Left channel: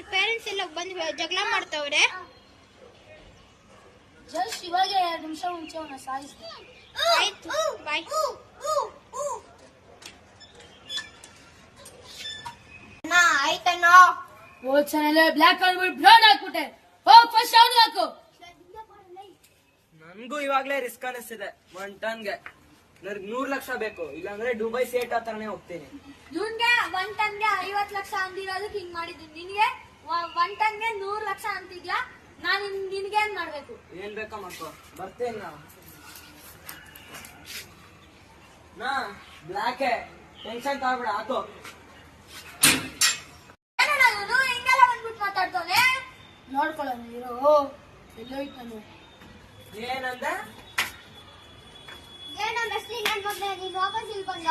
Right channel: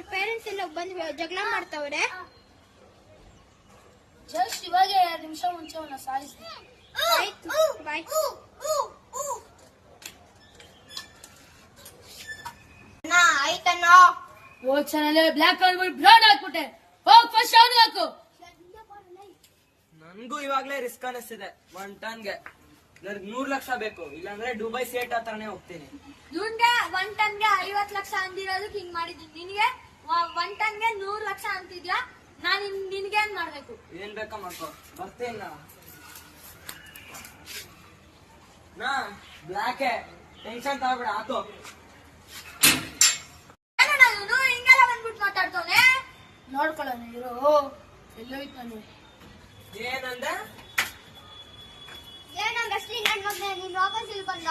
ಅವ್ರ ಪೇರೆಂಟ್ಸ್ ಎಲ್ಲ ಬಂದು ಜಗಳ ಮಾಡ್ತಾವ್ರೆ. ಜಸ್ಟ್ ಇವಾಗ 2 ನಿಮಿಷ ಮುಂಚೆ ಅವನ ಸಾಯಿಸಿದೆ. ಆಯ್ತು, ಬಾಯ್. ಆಯ್ತಣ್ಣ. ಹೋದ್ ಚಾನಲ್ ಬ್ಲಾಕ್ ಆಗ್ಬಿಟ್ಟು ಬ್ರೌನ್ ಹಾಕ್ಬಿಟ್ಟೆ. ಹೋಗ್ ಫಸ್ಟ್ ಅವ್ನು ಹಾಕು. ನನ್ಗೂ ಇವಾಗ್ಲೇ ರಿಸ್ಕ್ ಅನಿಸ್ತಿದೆ. 1 ಟನ್ಗೆ ನನಗೆ 100 ಲಕ್ಷ ಬೇಕು, ಇಲ್ಲಾಂದ್ರೆ ದುಬೈ ಸೇಟ್ ಹತ್ರನೇ ಹೋಗ್ತೀನಿ. ಇವ್ನ್ಗೆ 1 ಟನ್ಗೆ 50 ಲಕ್ಷ ಅಂದಿರೋದಕ್ಕೆ ಹಿಂಗ್ ಮಾಡಿದ್ದೀನಿ. ನಿನ್ಗೆ 1 ಟನ್ಗೆ 100 ಲಕ್ಷ ಅಂತಿದ್ಯಾ? ನಾನ್ ನಿನ್ಗೆ ಏನ್ ಮಾಡ್ಬೇಕು? ಏನ್ ಬೇಕಾ ಮಾಡ್ಕೋ, ಬರ್ತೇನ ನಾ ಬ್ಲಾಕ್ ಟೆನ್ಷನ್ ತಗೋಬೇಡ. ಆತು ಹಿಂಗೆಲ್ಲ ಬಂದ್ಬಿಟ್ಟು ಮಾತಾಡ್ತವನೆ. ನೋಡ್ಕೊಳ್ಳೋಣ ಇರೋ. ಎಲ್ಲೋಯ್ತಾನೆ? ಏನಂದೆ? ಏನಂಗ ಅಶ್ಲಿ ನನ್ ಮಗನೇ, ನೀನ್ ವಾಪಸ್ ಇಲ್ಲಿ ಬಂದ.